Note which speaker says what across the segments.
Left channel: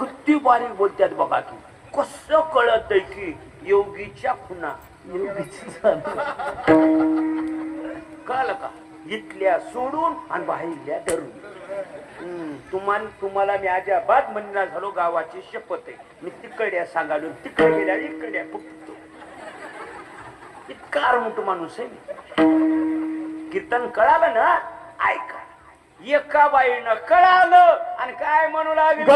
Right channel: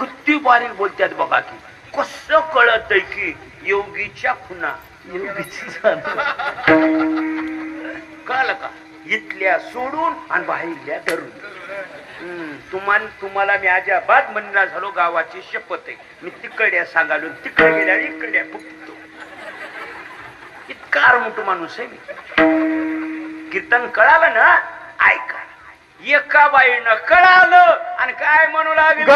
Speaker 1: किती बारीक बोलतात बघा की कसं कळत की योगीच्या खुना? योगीची कळलं का? इथल्या सोडून आणि बाहेरल्या धरून हम्म, तुम्हाला तुम्हाला मी अजाबात म्हणणार झालो गावाची शपथ आहे. मी तिकडल्या सांगालो तिकडे गेल्या इकडल्या फुटतो इतका मोठं माणूस आहे मी. कीर्तन कळालं ना ऐका. एका बाईनं कळालं आणि काय म्हणू लागेल?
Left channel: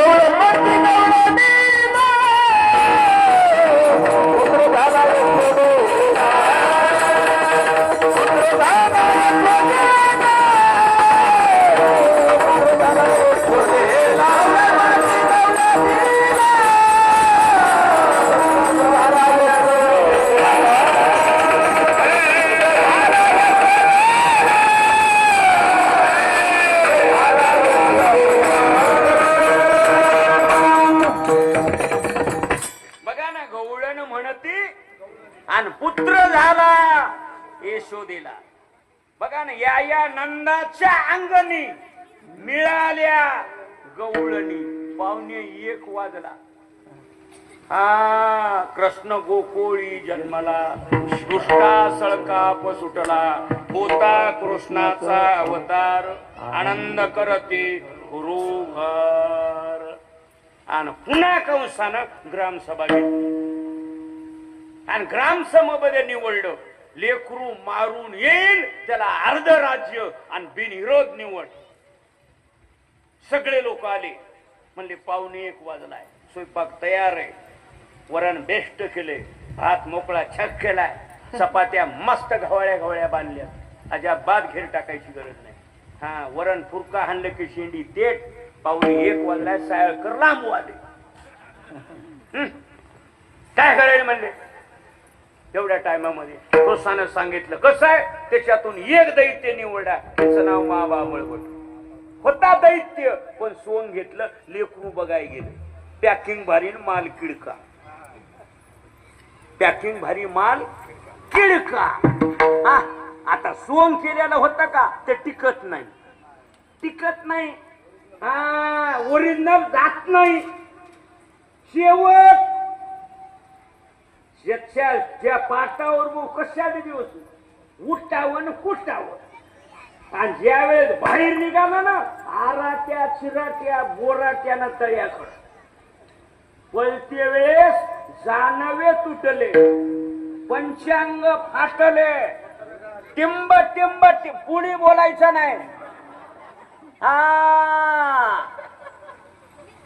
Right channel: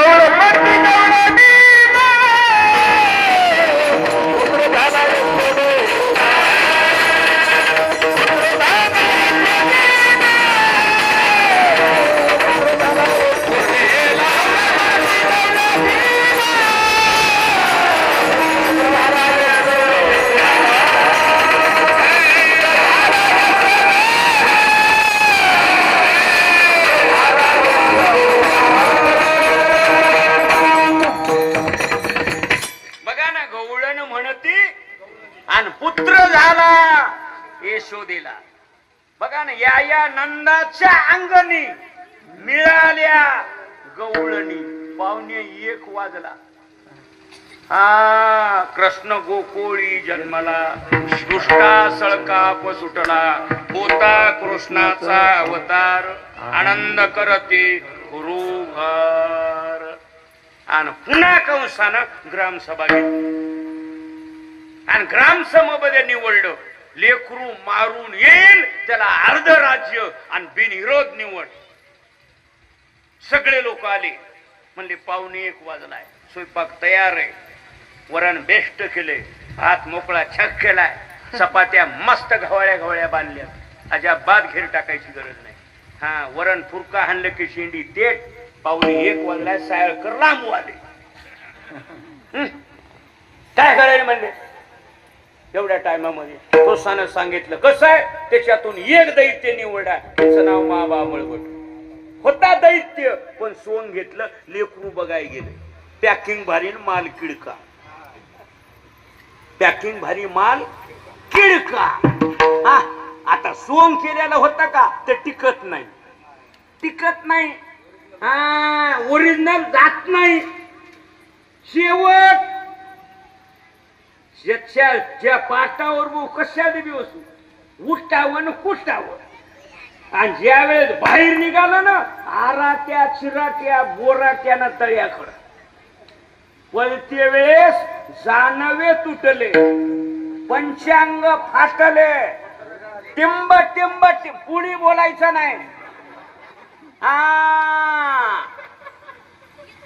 Speaker 1: दिला. बघा ना या या नंदाच्या अंगणी मिळाल्या गवळणी. पावणे एक वाजला. हा कृष्ण गोकुळी जन्मला. सृष्टा सळकाप सुटला. होता कृष्णाचा अवतार. आनंद करते गुरुघर. आणि पुन्हा कंसानं ग्रामसभा घेतली. आणि ग्रामसभेमध्ये निवडलं. लेकरू मारून येईल त्याला अर्ध राज्य आणि बिनविरोध निवड. सगळे लोक आले. म्हणले पाहुणे एक वाजलाय. स्वयंपाक तयार आहे. वरण बेस्ट केले भात मोकळा छक केलाय. चपात्या मस्त घवळ्या घवळ्या बांधल्या अजाबात घेर टाकायची गरज नाही. हा वरण फुरका हाणलं की शेंडी तेट. पाहुणे एक वाजलाय सायळकर लांब आले. काय करायला म्हणले? एवढ्या टायमामध्ये प्रोत्साहन सांगितलं कसं आहे? त्याच्यातून एक दैत्य निवडा. त्याचं नाव माबा मळवट. होता दैत्य पण सोंग घेतलं लेकरू बघाय गेले. पॅकिंग भारी माल किडका. पॅकिंग भारी माल किडका. हा आता सोंग केलेला होता का? ते टिकत नाही. टिकत नाही. ओरिजिनल जात नाही. शेवट ज्याच्या ज्या पाटावर मग कशा देवी बसू? उठावं न कुष्टावं आणि ज्या वेळेस बाहेर निघालं ना आरात्या चिराट्या बोराट्यानं तळ्याकडं पलते वेळेस जानवे तुटले पंचांग फाटले. टिंब टिंब कुणी बोलायचं नाही.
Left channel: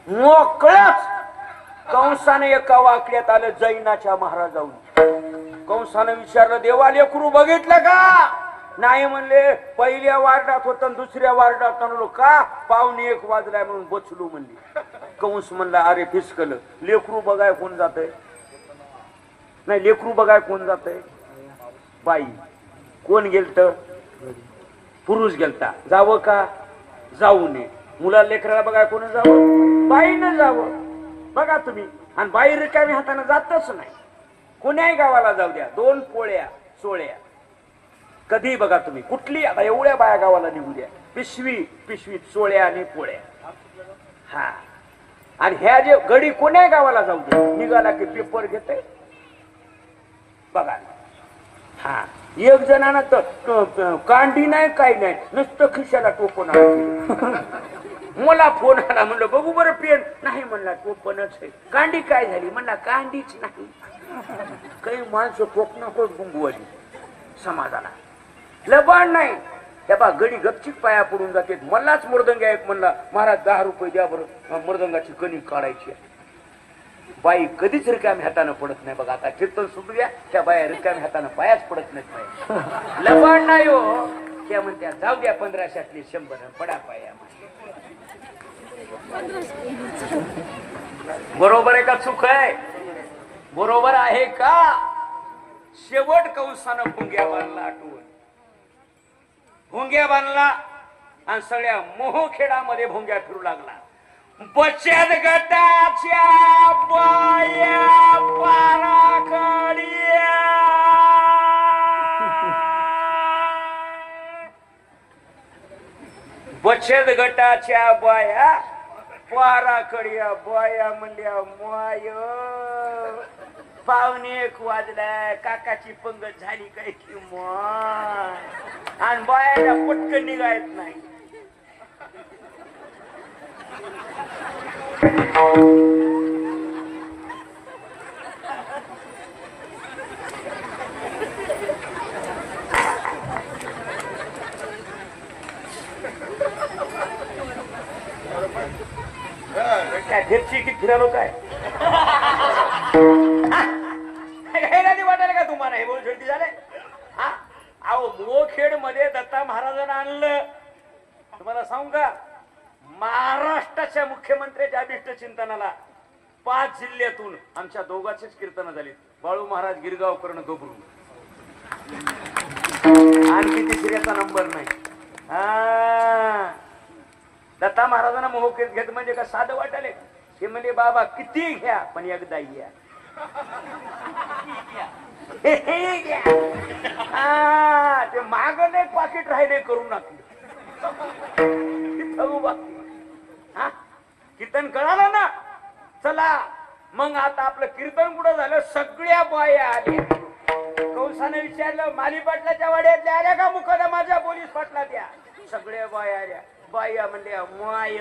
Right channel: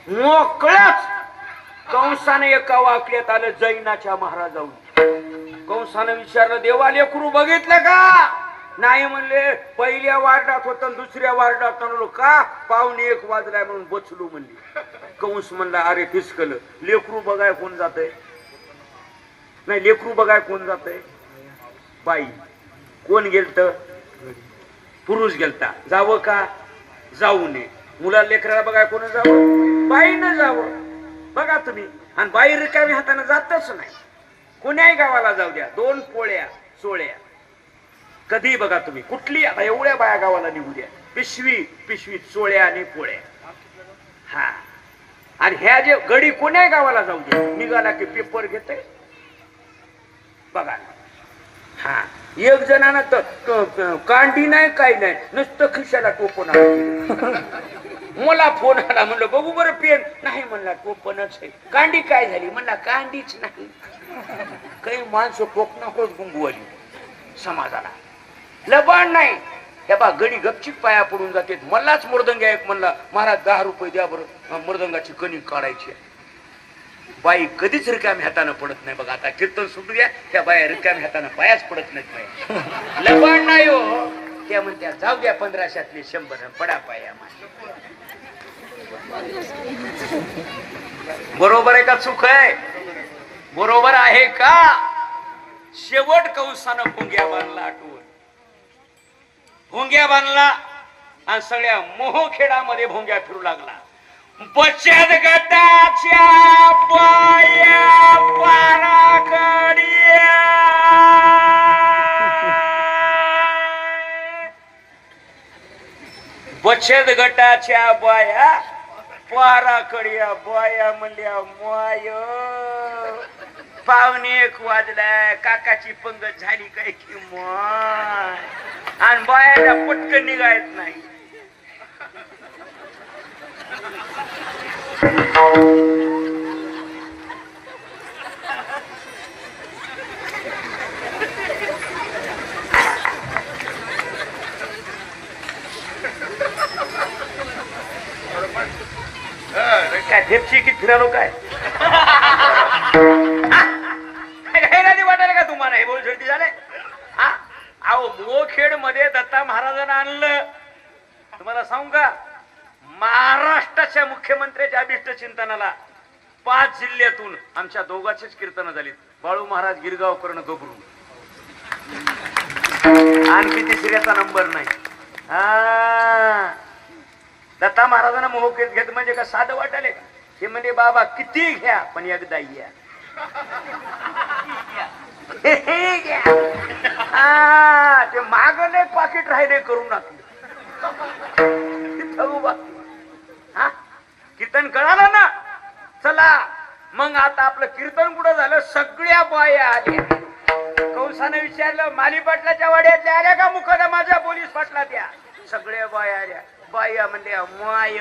Speaker 1: मोकळच. कंसाने एका वाक्यात आलं जैनाच्या महाराजाहून. कंसानं विचारलं देवा लेकरू बघितलं का? नाही म्हणले पहिल्या वार्डात होत दुसऱ्या वार्डात आणलो का? पाहुणे एक वाजलाय म्हणून बचलो म्हणली. कंस म्हणला अरे फिसकल. लेकरू बघाय कोण जात नाही लेकरू बघाय कोण जात बाई कोण गेलत? पुरुष गेलता. जावं का? जाऊ नये. मुला लेकराला बघाय कोण जावं? बाईनं जावं. बघा तुम्ही. आणि बाई रिकामी हाताने जातच नाही. कोण्याही गावाला जाऊ द्या. दोन पोळ्या सोळ्या. कधी बघा तुम्ही. कुठली आता एवढ्या बाया गावाला निघू द्या. पिशवी पिशवीत सोळ्या आणि पोळ्या. हा. आणि ह्या जे गडी कोण्याही गावाला जाऊ द्या. निघाला की पेपर घेते. बघा. हा. एक जणांना तर कांडी नाही काही नाही. नुसतं खिशाला टोपून मला फोन आला म्हणलं बघू बरं पेन. नाही म्हणला टोपणच आहे. कांडी काय झाली? म्हणला कांडीच नाही. काही माणसं टोपणाकोच नकोच आली. समाजाला. लबाड नाही. त्या बा गडी गपचीप पाया पडून जाते. मलाच मृदंग एक म्हणला महाराज दहा रुपये द्या बरं. मृदंगाची कणिक काढायची आहे. बाई कधीच रिकाम्या हातानं पडत नाही बघा. आता कीर्तन सुटू द्या. त्या बाया रिकाम्या हातानं पायाच पडत नाहीत बाई. लबाड नाही हो. त्या म्हणत्या जाऊ द्या पंधराशातले शंभर पडा पाया बरोबर आहे का चुक आहे? बरोबर आहे का? शेवट कौसानं भुंग्या बांधला आठवण भुंग्या बांधला आणि सगळ्या मोहखेडामध्ये भोंग्या फिरू लागला. बचत गटाच्या बाया पाराकडिया. बचत गटाच्या बाया पाराकडे बाया म्हणल्या माय. पावणे एक वाजलाय काकाची पंगत झाली काय की माय? आणि बायाला पटकन निघायत नाही. काय फेपशी की फिरालो काय? हे नाही वाटायला का तुम्हाला? हे बोल शेवटी झाले. हा? अहो मोखेडमध्ये दत्ता महाराजांना आणलं. तुम्हाला सांगू का? महाराष्ट्राच्या मुख्यमंत्र्याच्या अभिष्ट चिंतनाला पाच जिल्ह्यातून आमच्या दोघाचीच कीर्तनं झालीत. बाळू महाराज गिरगावकरण गोबरू आणखी तिसऱ्याचा नंबर नाही. हा. दत्ता महाराजांना मोह घेत म्हणजे का साधं वाटले का हे म्हणजे बाबा किती घ्या पण एकदा या. हा, ते माग नाही पाकिट राहिले करू टाकले. हा? कीर्तन कळालं ना? चला मग आता आपलं कीर्तन कुठं झालं? सगळ्या बाया आल्या. कंसाने विचारलं माली पाटलाच्या वाड्यातल्या आल्या का मुकदमाच्या पोलीस पाटला त्या सगळ्या बाया आल्या. बाया म्हणल्या माय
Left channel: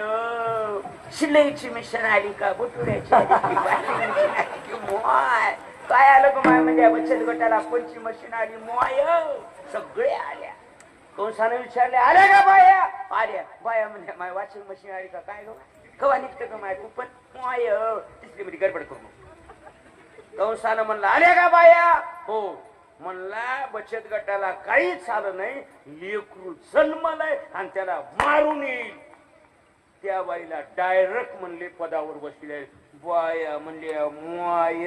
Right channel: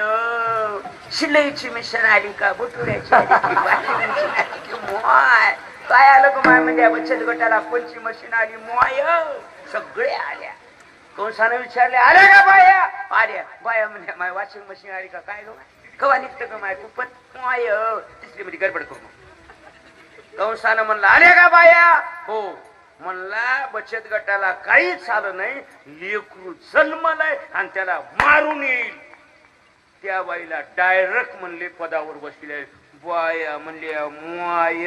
Speaker 1: शिलाईची मिशन आली का? बुटुऱ्याची आली की, माय? काय आलं का माय? म्हणजे बचत गटाला कोणची मशीन आली? माय. सगळ्या आल्या. कंसानं विचारले आल्या का बाया? आल्या. बाया म्हणल्या माय वॉशिंग मशीन आली का? काय माय? कवा निघतं का माय कुपन? माय. तिसरी म्हणजे गडबड करू कंसानं म्हणलं आल्या का बाया? हो. म्हणला बचत गटाला काहीच आलं नाही लेकरू जन्मलाय आणि त्याला मारून येईल. त्या बाईला डायरेक्ट म्हणले पदावर बसले बाया म्हणले माय